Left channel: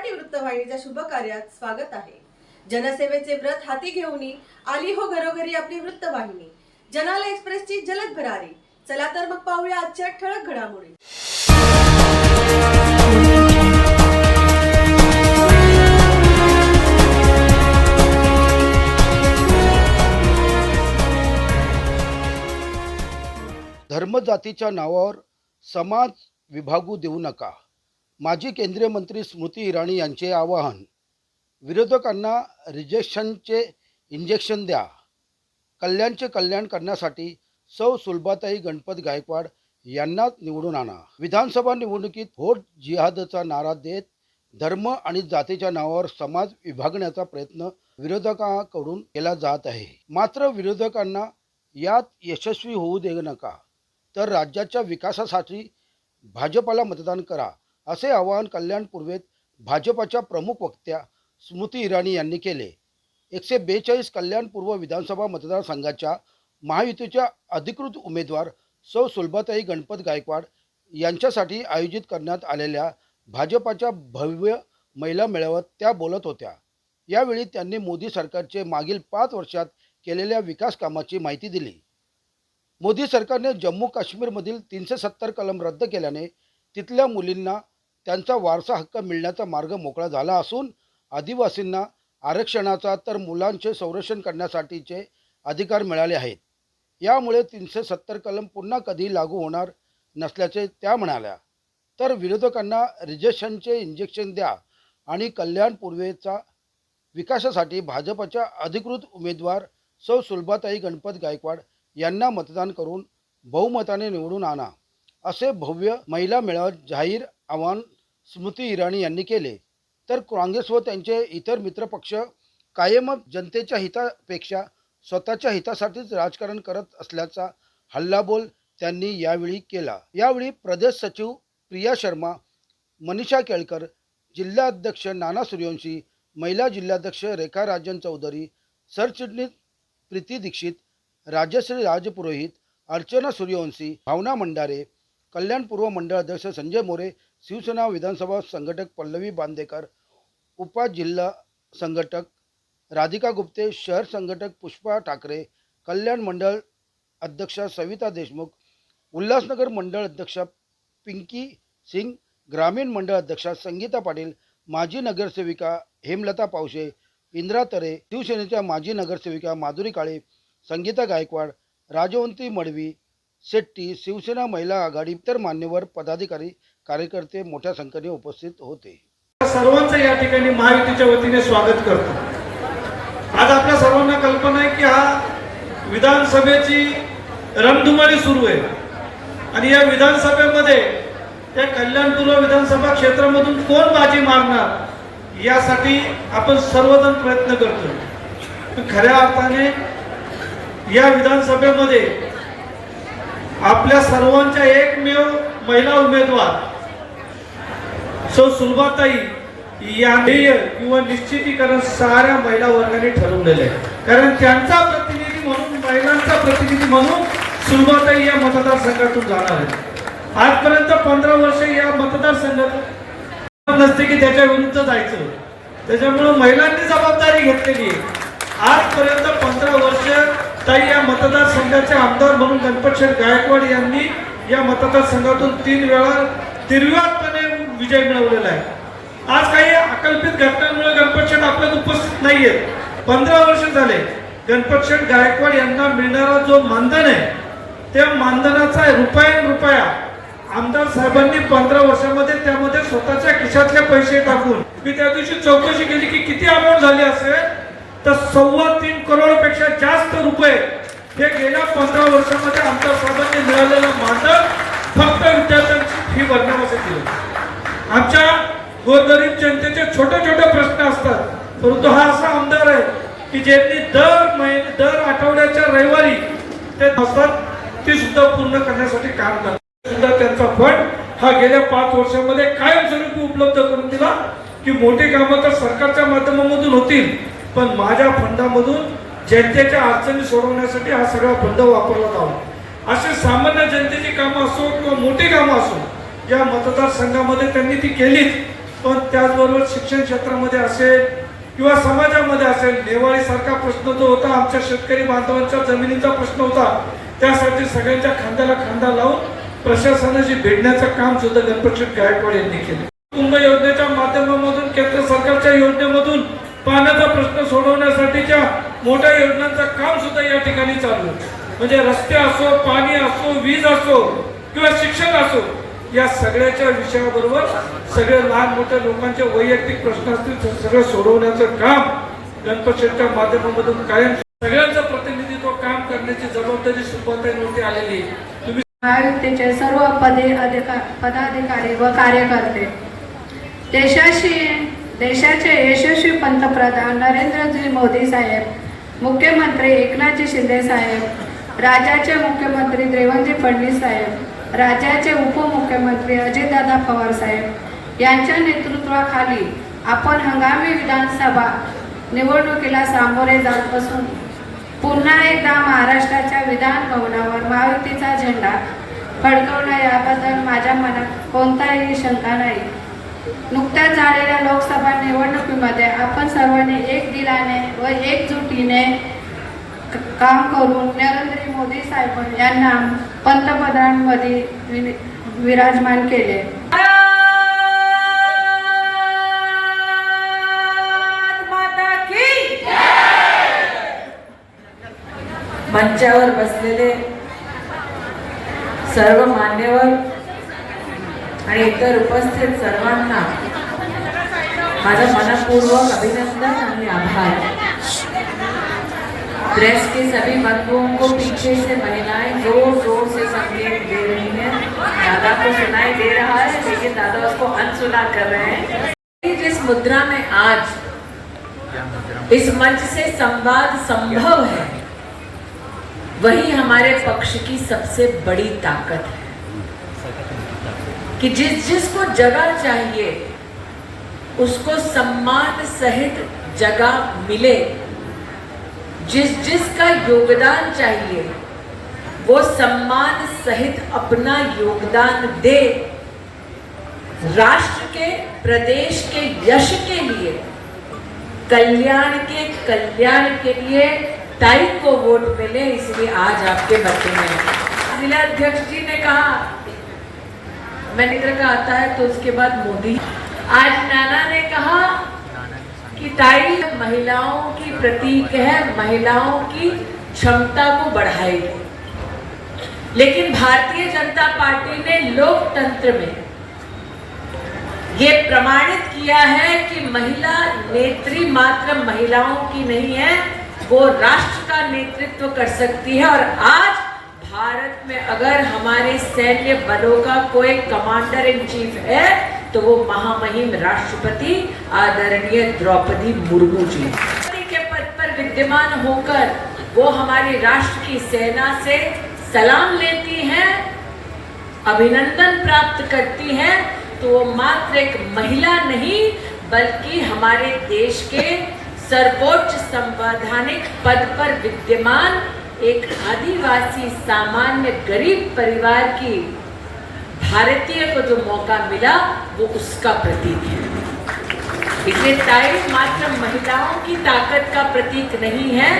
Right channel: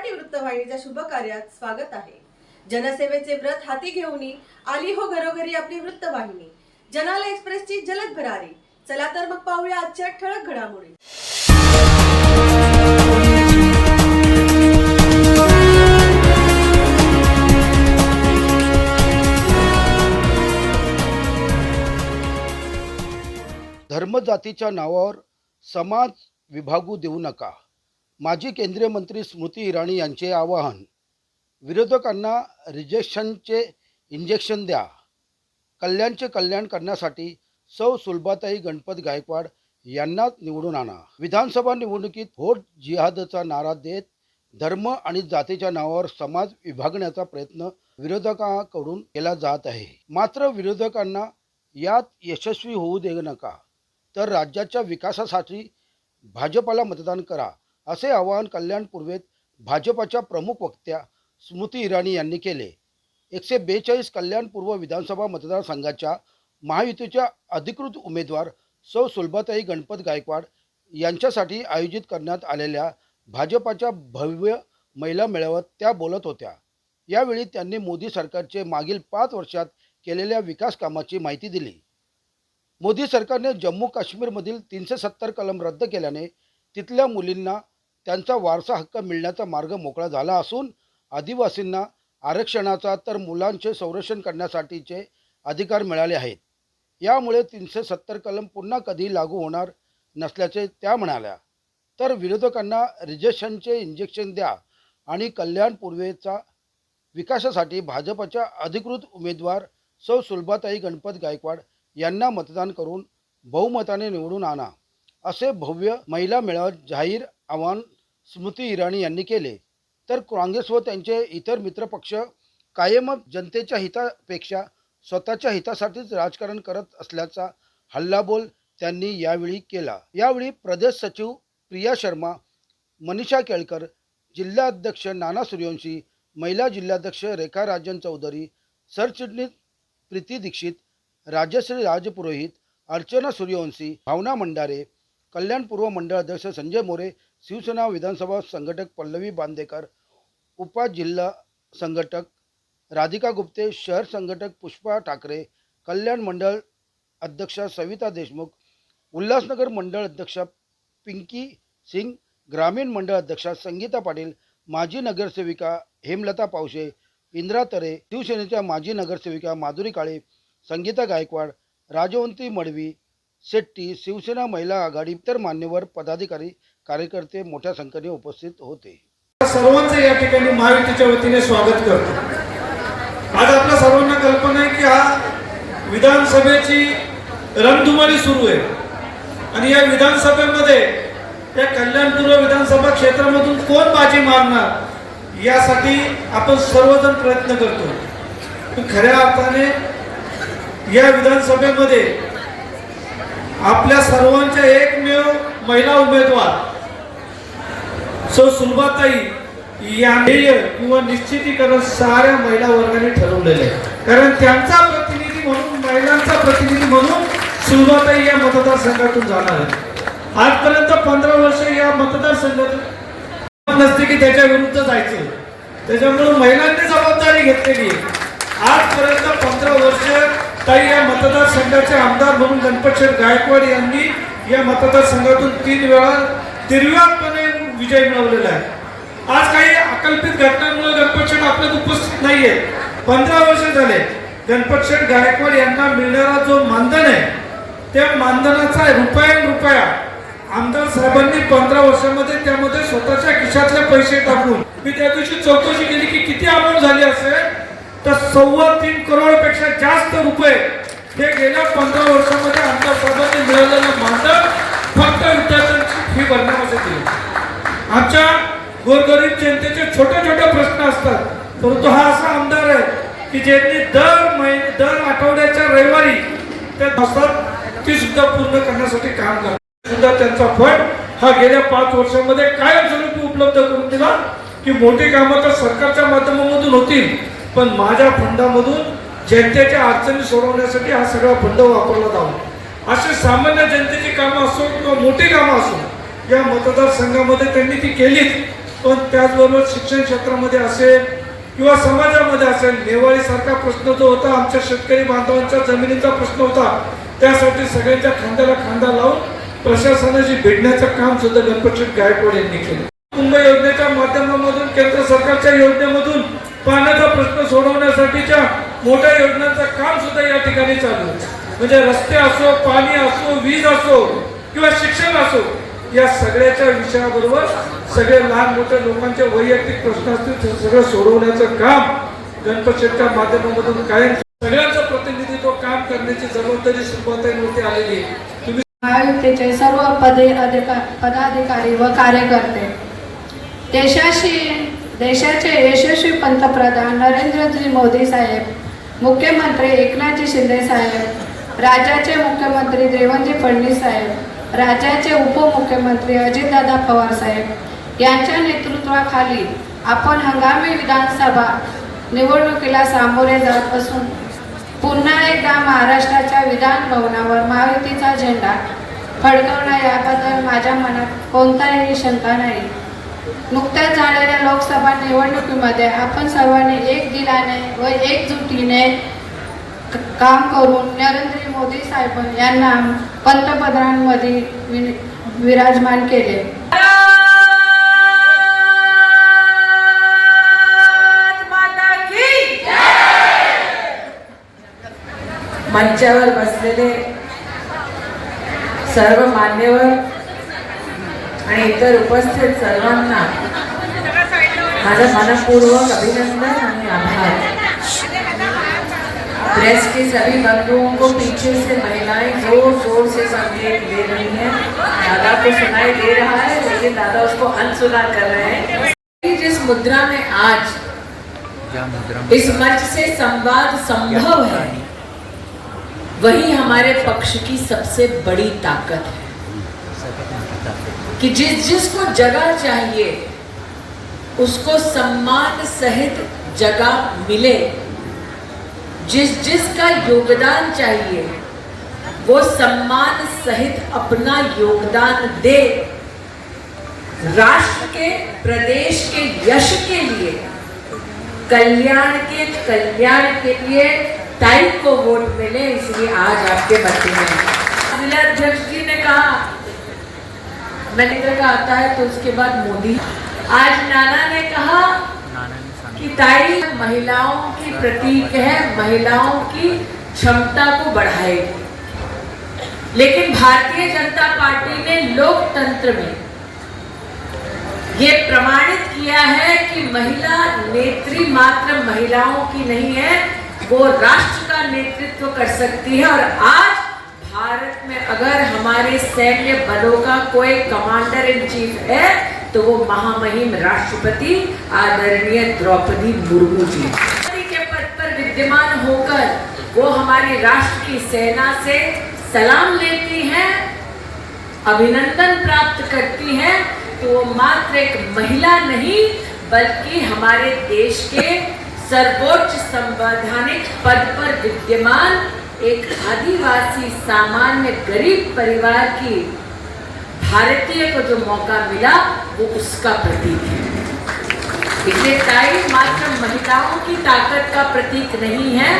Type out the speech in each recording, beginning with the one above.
मराठी वृत्तवाहिनीच्या शुभ कार्यात स्वागत आहे। जनसेवेचे व्रत हाती घेऊन आली हो घरोघरी आपली वृत्तवाहिनी। जनाला एक्सप्रेसची जलद भरारी। चला तर मग पाहूया आजच्या ठळक घडामोडी। धर्मजातीच्या नावावर समाज विभागू देऊ नका। माजी केंद्रीय मंत्री स्मृती इराणी यांचे आवाहन। विरोधकांना रिजेक्शनचे इंजेक्शन द्या। कल्याणचे कल्याण करण्यासाठी सौ सुलभाताई गणपत गायकवाड यांना निवडून आणा। विधानसभा निवडणुकीत व्होट जिहादचा नारा देत धर्म आणि जातीच्या नावावर समाज विभागण्याचा प्रयत्न विरोधकांकडून केला जात आहे। मात्र विरोधकांना यात यशस्वी होऊ देऊ नका, तर राज्याच्या विकासासाठी भाजपला मतदान करा, असे आवाहन कल्याण पूर्वेत भाजपच्या प्रमुख वक्त्या स्मृती इराणी यांनी केले। 142 कल्याण पूर्व विधानसभा मतदारसंघाच्या महायुतीच्या अधिकृत उमेदवार सौ सुलभाताई गणपत गायकवाड यांच्यासाठी आयोजित करण्यात आलेल्या भाजपच्या भव्य महिला मेळाव्यात त्या बोलत होत्या। यावेळी त्यांनी मोदी सरकारचे मागील 5 वर्षात केलेल्या विकास कामाची माहिती दिली। मोदी सरकारने जम्मू काश्मीरमधील 370 कलम रद्द केल्याने तिथल्या मुलींना त्यांचा वारसा हक्क मिळण्याचा मार्ग मोकळा झाला असून आदिवासींना आरक्षणाचा तर मुलांचे संरक्षण करण्यासाठीचे अधिकार मिळाले आहेत। यामुळे 370 कलम पुन्हा कधी लागू होणार नसल्याचे त्या म्हणाल्या। तर विरोधकांना रिजेक्शनचे इंजेक्शन द्या आणि कल्याण पूर्वेचा विकासासाठी भाजपच्या अधिकृत उमेदवार सौ सुलभाताई गणपत गायकवाड यांना मतदान करून बहुमताने निवडून आणा, असे भव्य महिला मेळाव्यात जाहीर आवाहन स्मृती इराणी यांनी केले। तर काँग्रेस व त्यांचे इतर मित्रपक्ष कायमच जनतेच्या हितापेक्षा स्वतःच्या हितासाठीच राजकारण करत असल्याचा हल्लाबोल त्यांनी यावेळी केला। यावेळी प्रदेश सचिव प्रिया शर्मा, मनीषा केळकर, जिल्हाध्यक्ष नाना सूर्यवंशी, महिला जिल्हाध्यक्ष रेखा राजन चौधरी, सरचिटणीस प्रीती दीक्षित, राजश्री राजपुरोहित, अर्चना सूर्यवंशी, भावना मंडारे, कल्याण पूर्व मंडळ अध्यक्ष संजय मोरे, शिवसेना विधानसभा संघटक पल्लवी बांदेकर, उपा जिल्हा संघटक राधिका गुप्ते, शहर संघटक पुष्पा ठाकरे, कल्याण मंडळ अध्यक्षा सविता देशमुख, उल्हासनगर मंडळ अध्यक्षा पिंकी सिंग, ग्रामीण मंडळ अध्यक्षा संगीता पाटील, माजी नगरसेविका हेमलता पावशे, इंद्रा तरे, शिवसेनेच्या माजी नगरसेविका माधुरी काळे, संगीता गायकवाड, राजवंती मडवी शेट्टी, शिवसेना महिला आघाडी, इतर मान्यवर पदाधिकारी कार्यकर्ते मोठ्या संख्येने उपस्थित होते। सर्वांचं या ठिकाणी महायुतीच्या वतीने स्वागत करतो। आज आपल्या सर्वांना कल्पना आहे की हा विधानसभेची रणधुमाळी सुरू आहे आणि या विधानसभेमध्ये या कल्याण पूर्व विधानसभा क्षेत्रामधून कोण बाजी मारणार यासाठी आपण सर्वजण प्रयत्न करतो। खऱ्या अर्थाने या विधानसभेमध्ये आपल्या सर्वांच्या एकमेव महिला उमेदवार सौ सुलभाताई यांनी किंवा निश्चितीकरण साऱ्या महिला वर्गाने ठरवलेले आहे, कारण त्यांचा प्रतिनिधी म्हणून, महिलांचा प्रतिनिधी म्हणून सुलभाताई या मतदारसंघातून जाणार आहे। आजपर्यंत 15 वर्ष या मतदारसंघात नसते की त्याच्या विरुद्ध जायचं, त्याच्यामुळे महिलांनी जबाबदारी घेतलेली आहे। आजपर्यंत 15 वर्ष ताई या मतदारसंघाचे आमदार म्हणून गणपतशेठ गायकवाड यांनी या मतदारसंघातून 3 वेळा निर्विवादपणे विजय मिळवलेला आहे। आज काही अकल्पित घटनांमुळे गणपतशेठ आपल्यात उपस्थित नाहीये। 15 वर्ष झाले गणपतशेठ गायकवाड यांना मिळणारा जो मानधन आहे त्या मानधनाचा रुपया आमदार साहेबांनी 15 वर्षामध्ये त्यामध्ये स्वतःच्या खिशातले पैसे टाकून, मी त्या दिवशी चौकशी केली की किती अमाऊंट झाली असेल, तर 3.25 करोडपेक्षा जास्त रुपये हे गेल्या 15 वर्षामध्ये आमदार साहेबांनी मिळालेलं मानधन फक्त विद्यार्थ्यांची फी भरण्यासाठी दिलं। आमच्या गोरगरीब जनतेचे छोटे प्रश्न असतात, परंतु हा असा आमदार आहे की ज्यांनी दर आठवड्याच्या रविवारी ते असतात ती सुद्धा पूर्ण करण्यासाठी काम करतात। सुद्धा त्यांचा फंड हा गेल्या 5 वर्षांमध्ये कायमस्वरूपी उपलब्ध करून दिला की मोठी कामं तर सरकारच्या माध्यमातून होतील, पण माझ्या फंडामधून जनतेच्या अडचणी सोडवण्यासाठी हा सगळा फंड वापरला जावा। अशी सामान्य जनतेची कामं असो किंवा मोठी कामं असो या मतदारसंघामध्ये त्यांनी ती केली पण त्याचबरोबर शिक्षण क्षेत्रामध्ये असेल किंवा समाजामध्ये असेल, नेवाळी सारखा प्रश्न जो होता, आमच्या शेतकरी बांधवांच्या जमिनीचा प्रश्न होता, त्यासाठी सगळ्यांच्या खांद्याला खांदा लावून प्रशासनाशी भेटण्याचं काम सुद्धा गणपतशेठ गायकवाड यांनी केलं. कुंभ योजनेच्या माध्यमामधून, केंद्र सरकारच्या योजनेमधून पाण्याचा प्रश्न सोडवण्यासाठीच्या मोठ्या योजनांचं काम सुद्धा या ठिकाणी चालू आहे. म्हणजे रस्ते असो, पाणी असो, वीज असो किंवा शिक्षण असो, या सगळ्याच्या विषयाबरोबर सगळे लहान मोठ्या लोकांचे वैयक्तिक प्रश्न असतील ते सगळं सोडवण्याचं काम गणपतशेठच्या माध्यमामधून कायम सगळ्यांचं प्रतिनिधित्व काम करण्याची जबाबदारी सुरुवातीवरती आलेली आहे. तुम्ही महायुतीचे सर्व पदाधिकारी व कार्यकर्ते, देशाचे यशस्वी पंतप्रधान नरेंद्रजी मोदी साहेब, मुख्यमंत्री एकनाथजी शिंदे साहेब, राज्याचे मुख्यमंत्री देवेंद्र फडणवीस साहेब, राज्याचे उपमुख्यमंत्री अजितदादा पवार साहेब यांच्या नेतृत्वाखाली आपण हंगामी विधानसभा निवडणुकीला सामोरे जात असून पुन्हा एकदा महाराष्ट्राच्या विधान भवनावर महायुतीचा झेंडा फडकवणं याबद्दल माझ्या मनात कोणताही शंका नाही. नुकत्याच झालेल्या लोकसभा निवडणुकीमध्ये आपण सर्वांनी एक दिलाने व एकजुटीने काम करून नरेंद्र मोदी साहेब यांना पंतप्रधानपदी विराजमान केले. मंचावर बसलेले सर्व मान्यवर आणि इतर उपस्थित सर्वांना माझं मनपूर्वक अभिनंदन आणि आभार. प्रेस के सभी बंधुओं को पीछे से महिलाएं जोर जोर से संकेत दे रही हैं. दादा को सुनाई दे रहा है लेकिन दादा उसको अनसुना कर रहे हैं. जिस मुद्रा में आज इस मंच से संवाद संभव है वही हमारे पक्ष की सबसे बड़ी ताकत है कि जिसको जगह चाहिए उसको सम्मान सहित जगह मिले, जिसका योगदान चाहिए वो सम्मान सहित अपना योगदान दे. राष्ट्र के, प्रदेश के यश के लिए, कल्याण के लिए ताई को वोट मिले, इसलिए आज आपके मध्य में. जिला अध्यक्ष जी ने कहा मनिंद्र का आता है तो उसके बाद मोदी. आज नाना ने कहा कि ताई महिलाओं की प्रतीक है, महिलाओं की क्षमता को बढ़ाएगी. लेकिन भारतीय जनता पार्टी ने लोकतंत्र में ये प्रमाणित किया है कि महिला नेत्री मात्र महिलाओं की नहीं है, वो राष्ट्र का नेतृत्व कर सकती है. और आज भारत में अगर हमारे सैन्य बलों का कोई कमांडर इन चीफ है तो वो महामहिम राष्ट्रपति आदरणीय द्रौपदी मुर्मू जी के पद पर विद्यमान होकर वो हमारी राष्ट्र की सेना से सलाम लेती हैं, अभिनंदन प्राप्त करती हैं. तो वो मात्र एक महिला नहीं बल्कि हमारे देश के सर्वोच्च संवैधानिक पद पर विद्यमान एक आदिवासी सामान्य गरीब परिवार की भारतीय को जो मौका मिला वो उसका प्रतीक है. इसलिए ताई मात्र महिलाओं की ताकत का प्रतीक नहीं है,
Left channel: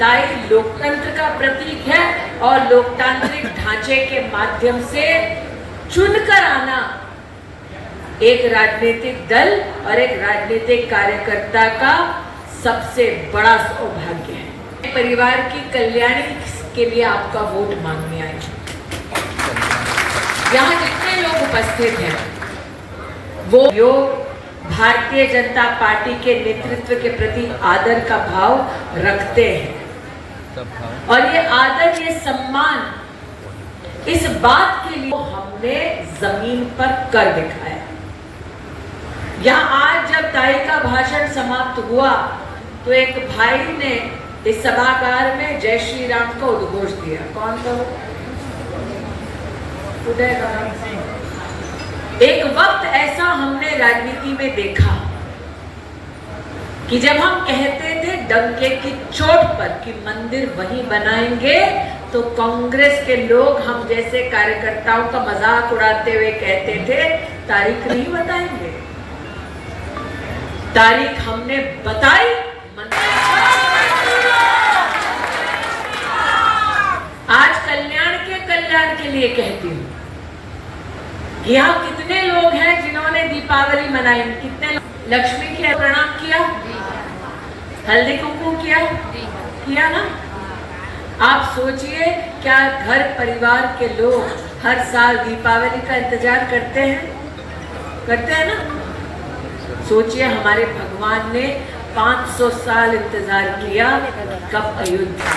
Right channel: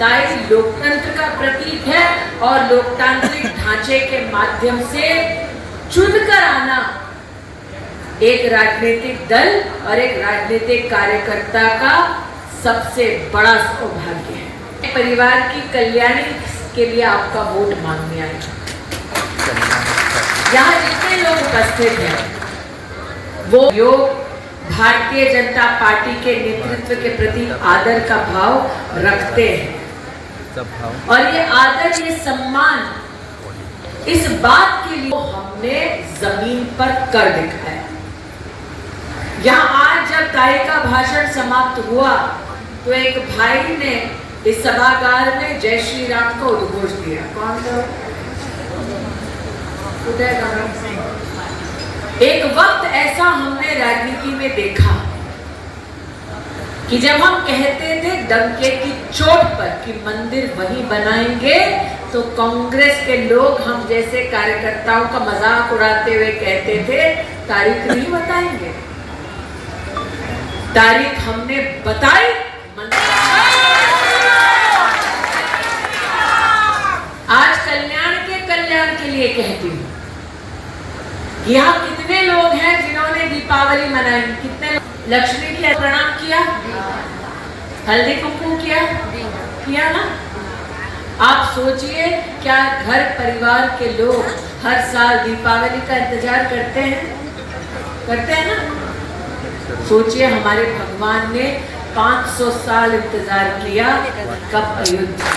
ताई लोकतंत्र का प्रतीक है. और लोकतांत्रिक ढांचे के माध्यम से चुनकर आना एक राजनीतिक दल और एक राजनीतिक कार्यकर्ता का सबसे बड़ा सौभाग्य है. परिवार की कल्याणी के लिए आपका वोट मांगने आए. यहाँ जितने लोग उपस्थित हैं वो योग भारतीय जनता पार्टी के नेतृत्व के प्रति आदर का भाव रखते हैं. और ये आदर, ये सम्मान इस बात के लिए हमने जमीन पर कर दिखाया. यहाँ आज जब ताई का भाषण समाप्त हुआ तो एक भाई ने इस सभागार में जय श्री राम का उद्घोष दिया. कौन था? उदय नारायण सिंह. एक वक्त ऐसा हमने राजनीति में देखा कि जब हम कहते थे डंके की चोट पर कि मंदिर वहीं बनाएंगे तो कांग्रेस के लोग हम जैसे कार्यकर्ताओं का मजाक उड़ाते हुए कहते थे तारीख नहीं बताएंगे. तारीख हमने बताई। आज कल्याण के लिए कहती हूँ कि यहाँ कितने लोग हैं जिन्होंने दीपावली मनाई, कितने लक्ष्मी के प्रणाम किया, हल्दी कुमकुम किया ना। आप सोचिए, क्या घर परिवार के लोग हर साल दीपावली का इंतजार करते हैं ना। सोचिए, हमारे भगवान ने 500 साल इंतजार किया, कब अयोध्या।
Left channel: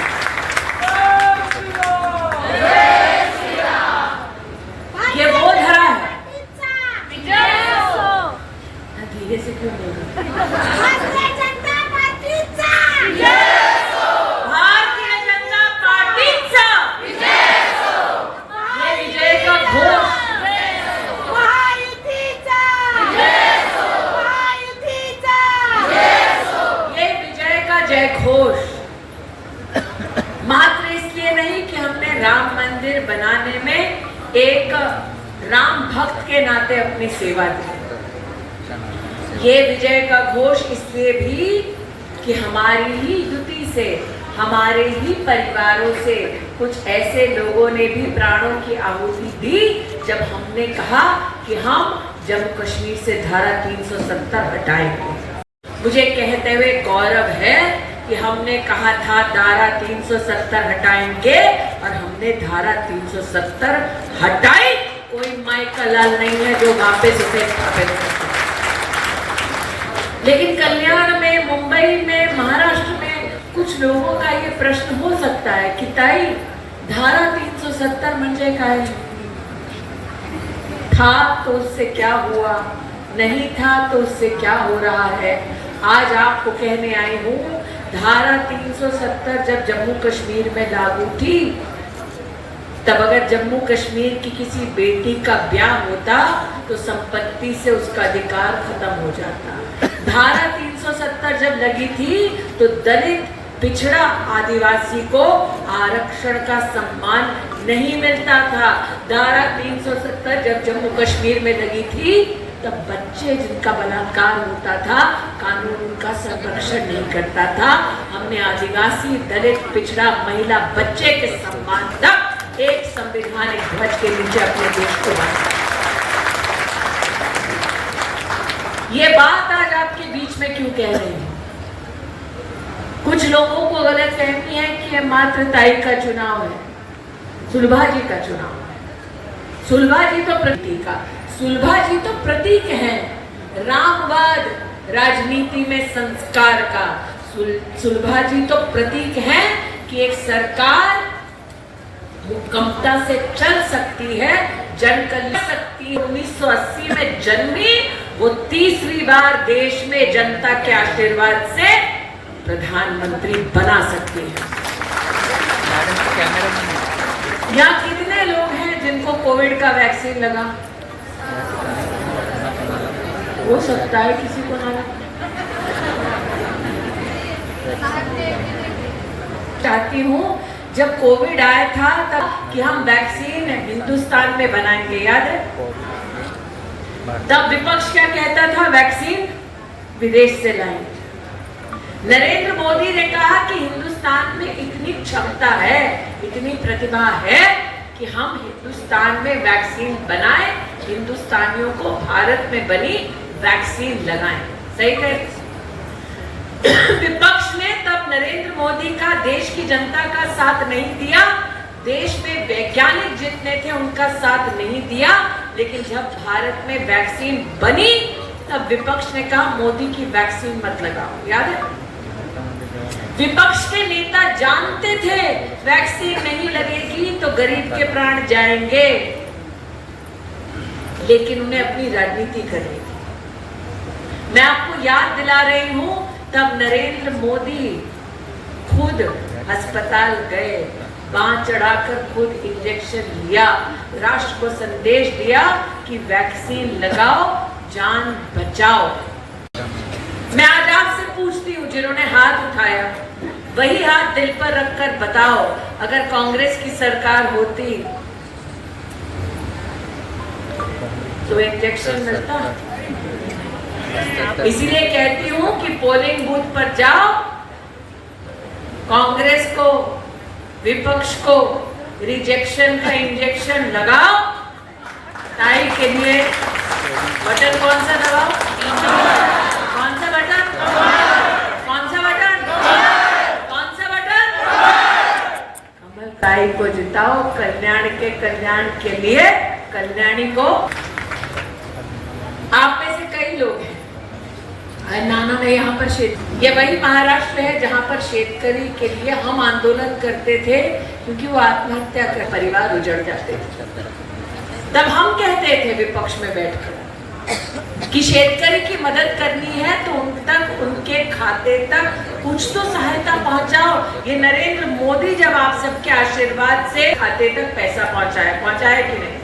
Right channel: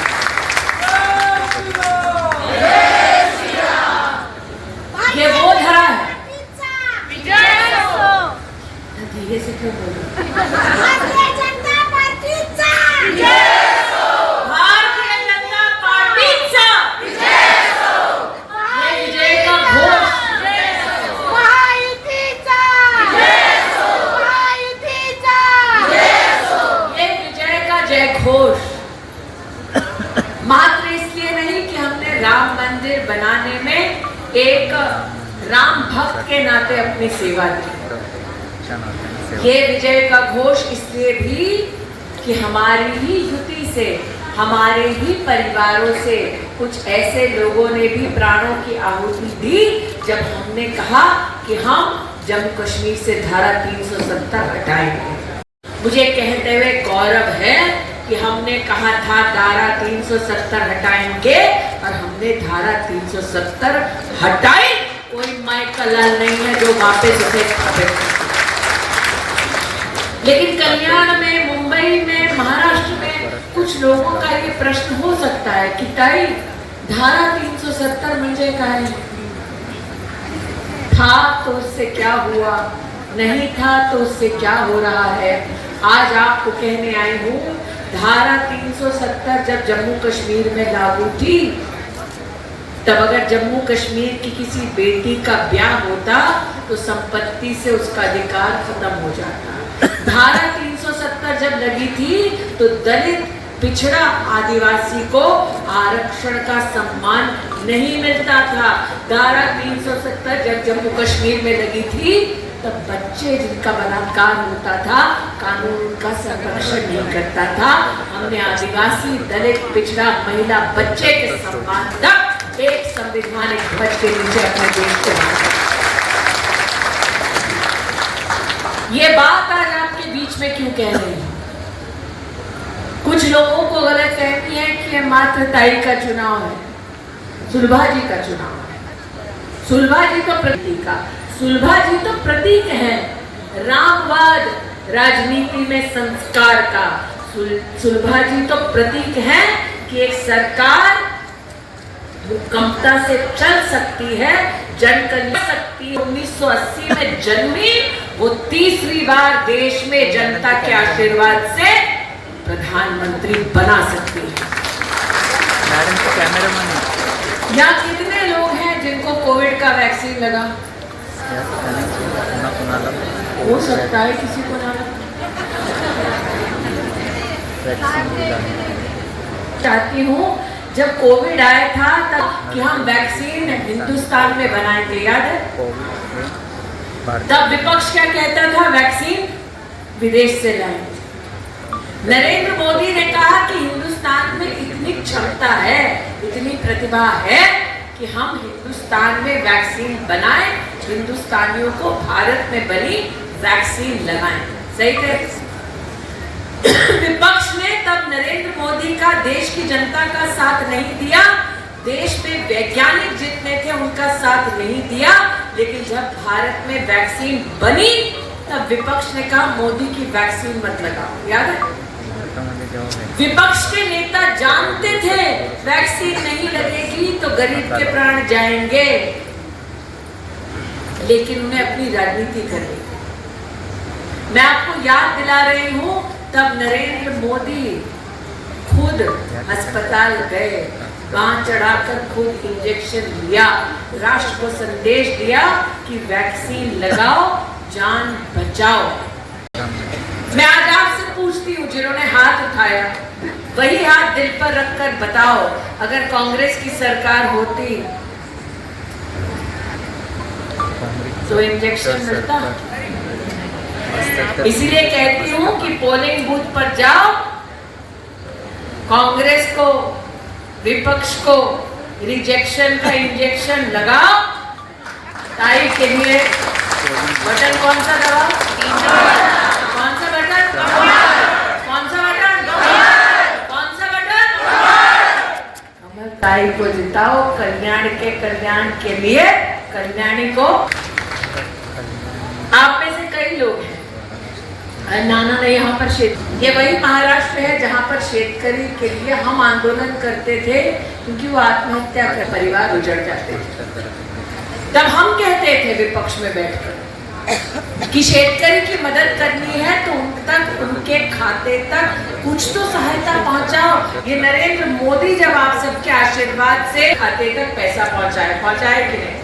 ये वो धरा है। धीरे से क्यों बोल रहे हो? भारतीय जनता पार्टीचा ये विजय का घोष, ये विजय का जय घोष मात्र इसलिए नहीं कि हमने राम मंदिर बनाने में एक राम भक्त के नाते अपनी सेवा दी। ये विजय का घोष इसलिए भी कि हमारी ही युति से, हमारे ही परिवारों से कुछ ऐसे लोगों ने भी प्राणों की आहुति दी जब हमने कहा कि हम जम्मू कश्मीर से धारा 370 हटाएंगे। मुझे कहते हुए गौरव है कि हमने कहा था धारा 370 हटाएंगे और हमने धारा 370 हटाई। कोई माइकल लाल नहीं है जो वापस उसे स्थापित कर। लेकिन कल्याण में, मुंबई में, महाराष्ट्र में कुछ लोगों का ये प्रश्न हो सकता है कि ताई धारा 370 म्हणजे काय? था तो उससे क्या हुआ, नहीं था तो उससे क्या हो रहा है। आज आपको कहने आई हूँ, धारा 370 जब जम्मू कश्मीर में लागू थी, तब अगर जम्मू कश्मीर की किसी बेटी का ब्याह होता तो संपत्ति से उसका अधिकार खत्म हो जाता। धारा 370 जब लगी थी तो दलित, पिछड़ा, आदिवासी को आरक्षण का सम्मान नहीं मिलता था। धारा 370 जब जम्मू कश्मीर में लगी थी तब बच्चे जिनका बलात्कार होता था, कानून उनका संरक्षण नहीं करता था। हमने आदिवासी, दलित, पिछड़ा, महिला, बच्चे के सम्मान तक एक संवैधानिक ध्वज के नीचे अपने देश को बनाया। ये बात आज आपके बीच में क्यों कह रही हूं? कुछ लोगों को गलत कहती है कि यह मात्र ताई का चुनाव है, सुलभा जी का चुनाव है। सुलभा जी तो प्रतीक का, सुलभा जी तो प्रतीक है रामवाद राजनीति में संस्कार का। सुलभा जी तो प्रतीक है कि एक सरकार भूकंपता से चल सकती है, जन कल्याण सकती है। 1980 में जन्मी, वो तीसरी बार देश में जनता के आशीर्वाद से प्रधानमंत्री बना सकती है। यहाँ कितने लोग हैं जिनको कोविड का वैक्सीन लगा? हो सकता है किसी को ना लगे। चाहती हूँ जब कोविड आया था तब कि हम वैक्सीन हिंदुस्तान में बनाएंगे, याद है? तब विपक्ष क्या कहता था? वैक्सीन विदेश से लाएंगे। नरेंद्र मोदी ने कहा कि हिंदुस्तान में इतनी क्षमता है, इतनी प्रतिभा है कि हम हिंदुस्तान में वैक्सीन बनाएं, हिंदुस्तानियों को भारत में बनी वैक्सीन लगाएं। सही कह। विपक्ष ने तब नरेंद्र मोदी का, देश की जनता का साथ नहीं दिया। देश में वैज्ञानिक जितने थे उनका साथ नहीं दिया। लेकिन जब भारत में वैक्सीन बनी तब विपक्ष ने कहा मोदी की वैक्सीन मत लगाओ, याद है? विपक्ष के नेता जानते थे वैक्सीन नहीं लगेगी तो गरीब के प्राण जाएंगे, लेकिन उन्हें अपनी राजनीति करनी थी। मैं आपको याद दिला रही हूं, तब नरेंद्र मोदी खुद अस्पताल गए, बांह चढ़ाकर खुद इंजेक्शन लिया, राष्ट्र को संदेश दिया कि वैक्सीन लगाओ, जान बचाओ। मैं आज आपसे पूछती हूँ, जिन्होंने हाथ उठाया वही हाथ दिल पर रखकर बताओ, अगर कांग्रेस की सरकार होती तो इंजेक्शन मिलता? इसलिए कहती हूँ कि पोलिंग बूथ पर जाओ, कांग्रेस को, विपक्ष को रिजेक्शन का इंजेक्शन लगाओ, ताई के लिए बटन कौन सा दबाओ? कौन सा बटन? कौन सा बटन? कौन सा बटन? कमल ताई को जिताओ, कल्याण के लिए, कल्याणी को। आप में से कई लोग हैं, नाना ने यहाँ पर ये वही महाराष्ट्र है जहाँ पर शेतकरी के लिए हम आंदोलन करते थे, क्योंकि वो आत्महत्या कर परिवार उजड़ जाते थे। तब हम कहते थे विपक्ष में बैठकर कि शेतकरी की मदद करनी है तो उन तक, उनके खाते तक कुछ तो सहायता पहुंचाओ। ये नरेंद्र मोदी जब आप सबके आशीर्वाद से खाते तक पैसा पहुंचाए कि नहीं?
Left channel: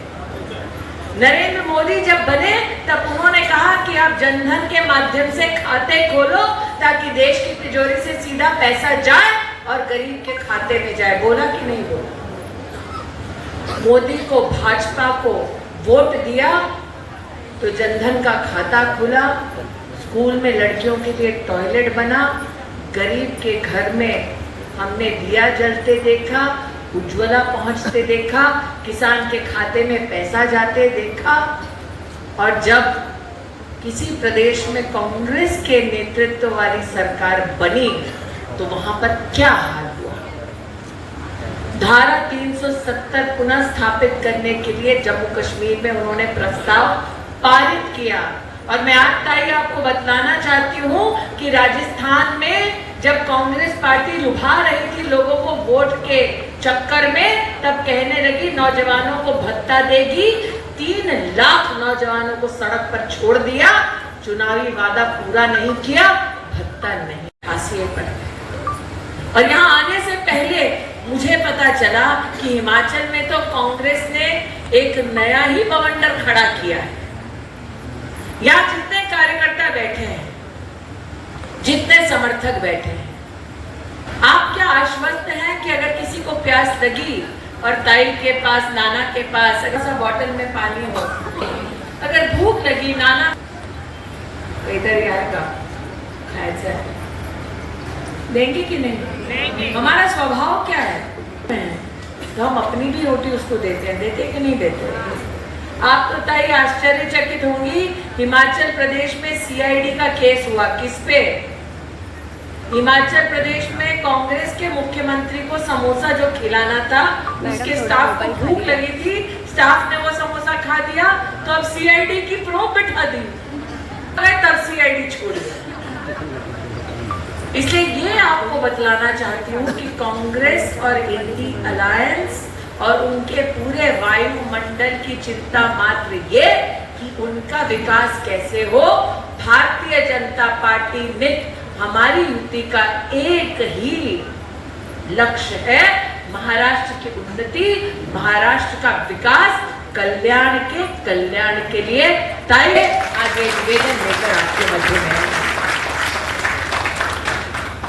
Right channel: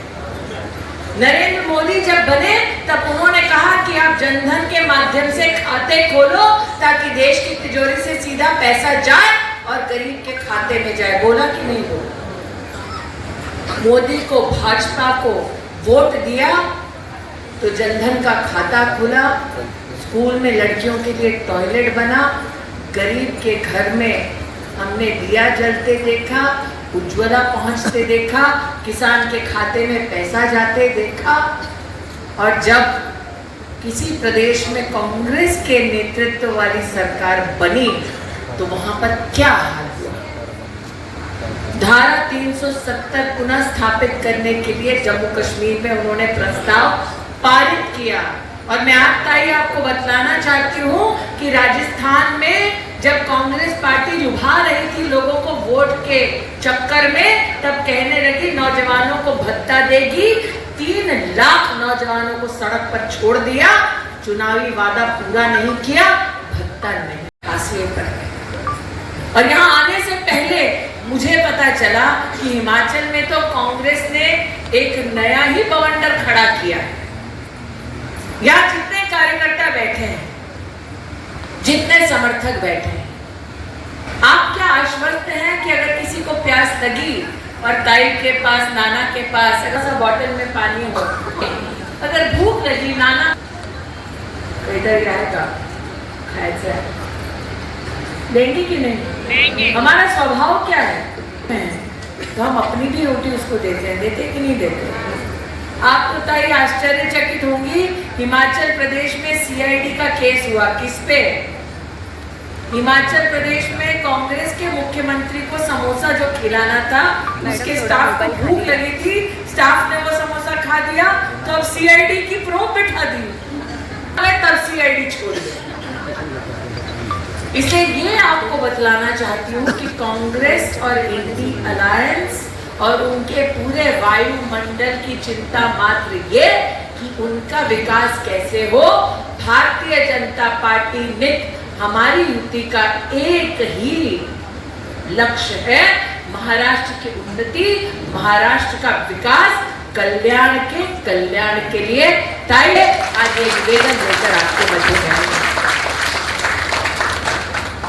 नरेंद्र मोदी जब बने तब उन्होंने कहा कि आप जनधन के माध्यम से खाते खोलो ताकि देश की तिजोरी से सीधा पैसा जाए और गरीब के खाते में जाए। बोला कि नहीं बोला? मोदी को, भाजपा को वोट दिया तो जनधन का खाता खुला, स्कूल में लड़कियों के लिए टॉयलेट बना, गरीब के घर में हमने दिया जलते देखा, उज्ज्वला पहुंचते देखा, किसान के खाते में पैसा जाते देखा। और जब किसी प्रदेश में कांग्रेस के नेतृत्व वाली सरकार बनी तो वहां पर क्या हाल हुआ? धारा 370 पुनः स्थापित करने के लिए जम्मू कश्मीर में उन्होंने प्रस्ताव पारित किया। और मैं आज ताई आपको बतलाना चाहती हूँ कि राजस्थान में जब कांग्रेस पार्टी लुभा रही थी लोगों को वोट के चक्कर में, तब कहने लगी नौजवानों को भत्ता देगी। 3 लाख नौजवानों को सड़क पर छोड़ दिया, चुनावी वादा पूरा नहीं किया, भत्ता नहीं, फांसियों पर गए। और यहाँ आने से पहले मुझे पता चला कि हिमाचल में तो कांग्रेस ने एक नया ही बवंडर खड़ा किया है। यहाँ जितने कार्यकर्ता बैठे हैं, जितने समर्थक बैठे हैं, आप क्या आश्वस्त हैं कि अगर किसी को प्यास लगी और ताई के पास, नाना के पास अगर सब बोतल में पानी हो, अगर भूख लगी, नाना इधर ही आएगा, खाएगा, देंगे कि नहीं? हमारा स्वभाव क्या है? तो हम अपनी भी रोटी उसको देते हैं, देते कि नहीं देते? आप तो ताई आश्चर्यचकित होंगी, हिमाचल प्रदेश में सीआईडी का केस हुआ। किस पे? हिमाचल प्रदेश में कांग्रेस के मुख्यमंत्री को समोसा जो खिलाना था, उसके स्टाफ को भूख लगी थी, स्टाफ ने वो समोसा खा दिया, तो अब सीआईडी की प्रोब बिठा दी, तब सीआईडी छोड़ दिया। इसलिए ये आपको बतलाना चाहती हूँ कि कांग्रेस और इंडी अलायंस और उनके पूरे वायुमंडल की चिंता मात्र ये कि उनका विकास कैसे हो। भारतीय जनता पार्टी नित हमारी युति का एक ही लक्ष्य है, महाराष्ट्र की उन्नति, महाराष्ट्र का विकास, कल्याण के लिए। ताई आगे निवेदन लेकर आपके मध्य में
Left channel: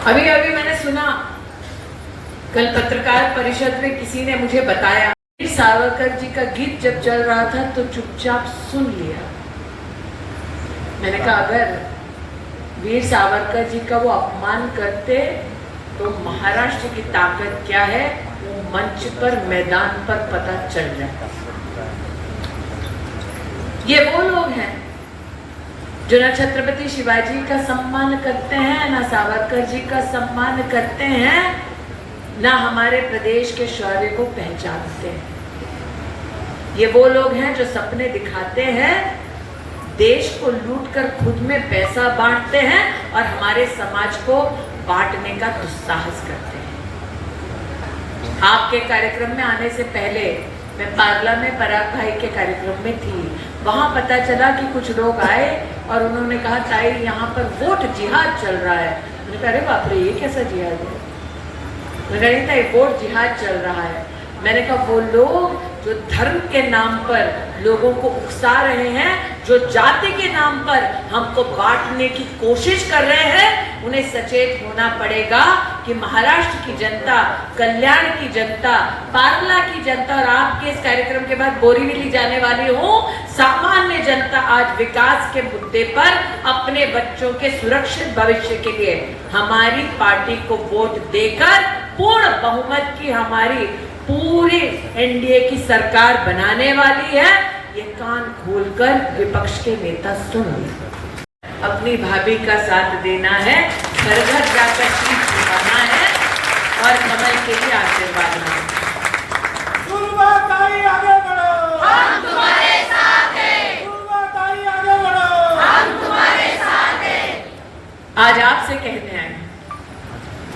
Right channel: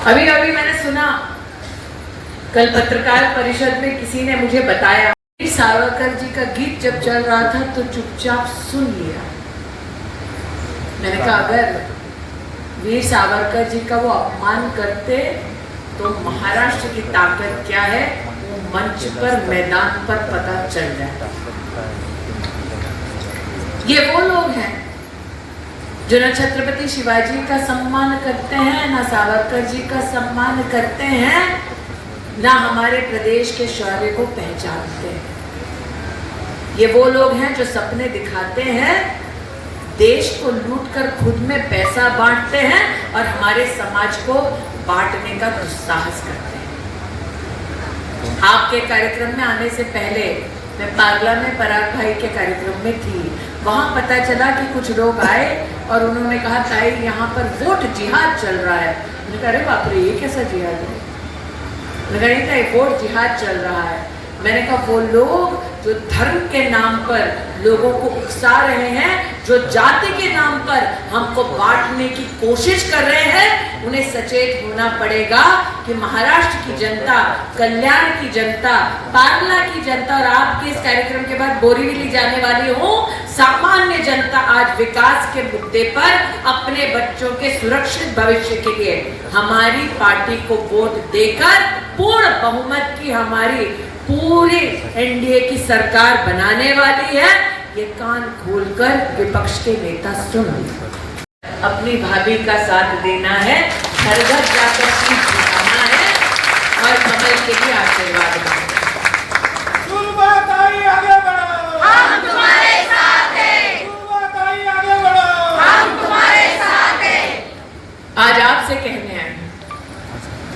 अभी मैंने सुना, कल पत्रकार परिषद में किसी ने मुझे बताया, सावरकर जी का गीत जब चल रहा था तो चुपचाप सुन लिया। मैंने कहा अगर वीर सावरकर जी का वो अपमान करते तो महाराष्ट्र की ताकत क्या है वो मंच पर, मैदान पर पता चल जाता। ये वो लोग हैं जो न छत्रपति शिवाजी का सम्मान करते हैं, न सावरकर जी का सम्मान करते हैं, ना हमारे प्रदेश के शौर्य को पहचानते हैं। ये वो लोग हैं जो सपने दिखाते हैं, देश को लूटकर खुद में पैसा बांटते हैं और हमारे समाज को बांटने का दुस्साहस करते हैं। आपके कार्यक्रम में आने से पहले मैं पागला में पराग भाई के कार्यक्रम में थी। वहां पता चला कि कुछ लोग आए और उन्होंने कहा ताई यहाँ पर वोट जिहाद चल रहा है। मैंने कहा अरे बाप रे, ये कैसा जिहाद है? नहीं था, वोट जिहाद चल रहा है। मैंने कहा वो लोग जो धर्म के नाम पर लोगों को उकसा रहे हैं, जो जाति के नाम पर हमको बांटने की कोशिश कर रहे हैं, उन्हें सचेत होना पड़ेगा कि महाराष्ट्र की जनता, कल्याण की जनता, पारला की जनता और आपके इस कार्यक्रम के बाद बोरीवली जाने वाली हूँ, सामान्य जनता आज विकास के मुद्दे पर अपने बच्चों के सुरक्षित भविष्य के लिए हमारी पार्टी को वोट देकर पूर्ण बहुमत की हमारी पूरी एनडीए की सरकार बनाने वाली है। ये कान खोलकर विपक्ष के नेता सुन लो। अपनी भाभी का साथ देना है, घर घर जाकर सीट बनाना है और कमल के लिए आशीर्वाद मांगना। सुलभाताई आगे बढ़ो, हम तुम्हारे साथ हैं, सुलभाताई आगे बढ़ो, हम तुम्हारे साथ हैं। आज आपसे कहने आए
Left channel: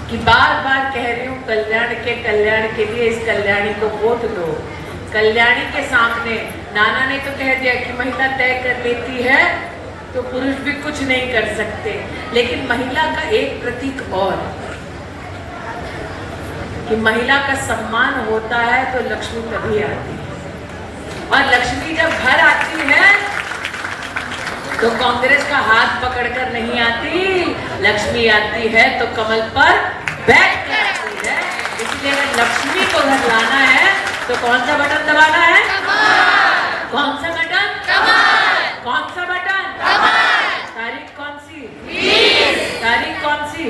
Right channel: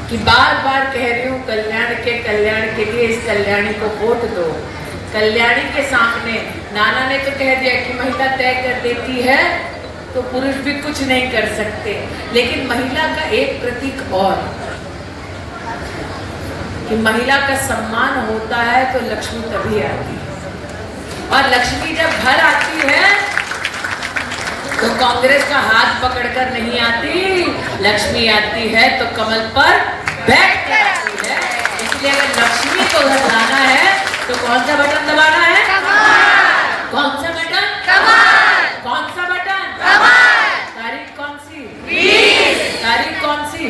कि बार बार कह रही हूँ कल्याण के लिए इस कल्याणी को वोट दो। कल्याणी के सामने नाना ने तो कह दिया कि महिला तय कर देती है तो पुरुष भी कुछ नहीं कर सकते, लेकिन महिला का एक प्रतीक और कि महिला का सम्मान होता है तो लक्ष्मी तभी आती है, और लक्ष्मी जब घर आती है तो कांग्रेस का हाथ पकड़कर नहीं आती, लक्ष्मी आती है तो कमल पर बैठ कर आती है। इसलिए अगर लक्ष्मी को घर लाना है तो कौन सा बटन दबाना है? कौन सा बटन? कौन सा बटन? तारीख कौन सी? तारीख कौन सी?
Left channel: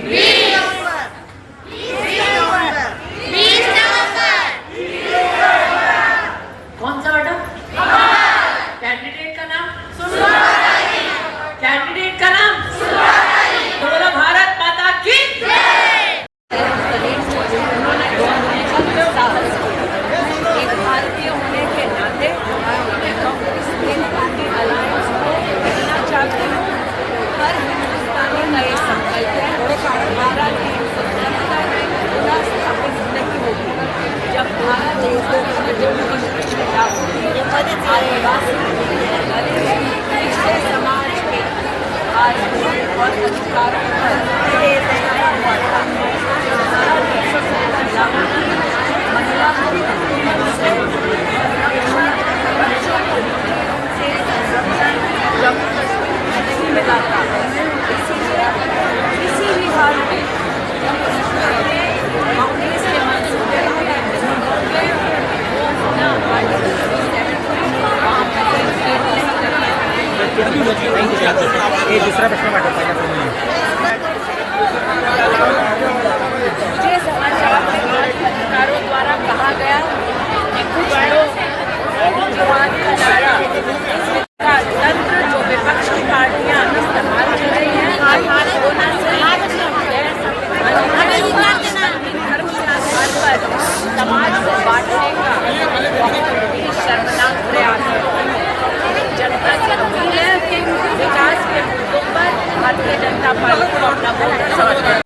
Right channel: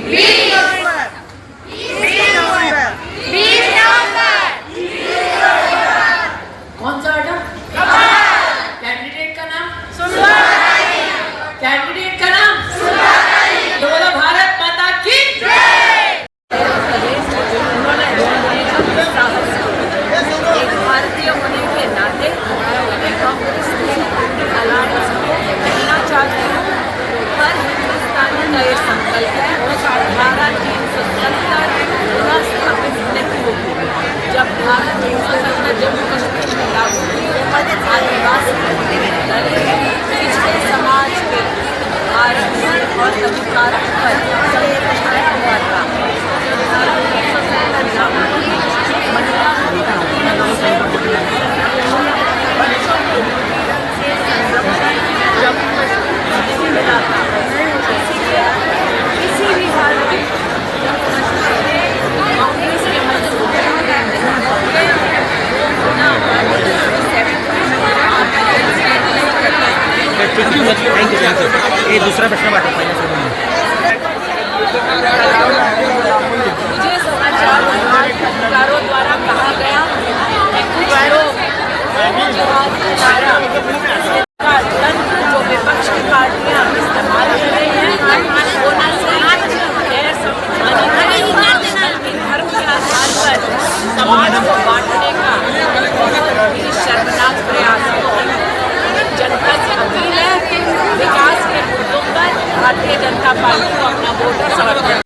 कौन सा बटन? कैंडिडेट का नाम? कैंडिडेट का नाम? बोलो भारत माता की उन्होंने साहस किया। एक भारतीय होने के नाते मैं कांग्रेस अलायंस को कहना चाहती हूँ, हर हिंदुस्तानी का ये संकल्प है धारा 370 पुनः स्थापित नहीं होगी। जब धारा 370 जम्मू कश्मीर में लागू हुई, आदिवासी, दलित, पिछड़े समाज के आरक्षण और अधिकारों पर संकट छाया हुआ था। जब धारा 370 लागू हुई, महिला से बच्चों को उत्पीड़न से संरक्षण जम्मू कश्मीर में नहीं मिला था। इसीलिए किसी भी हाल में जम्मू कश्मीर में कांग्रेस के मंसूबे पूरे नहीं होंगे, वो होना दूसरा प्रश्न मुझे समाचार पत्रकारों द्वारा कहा गया कि कुछ लोग जवाब का नारा का तंत्र जो विपक्ष की पार्टियां इस्तेमाल कर रही हैं वो न सिर्फ गैर संवैधानिक है बल्कि धर्म के आधार पर समाज को बांटने का बहुत ही शर्मनाक प्रयास है। जनता से अपील है, विकास के मुद्दों पर भारतीय जनता पार्टी को अपना वोट समर्थन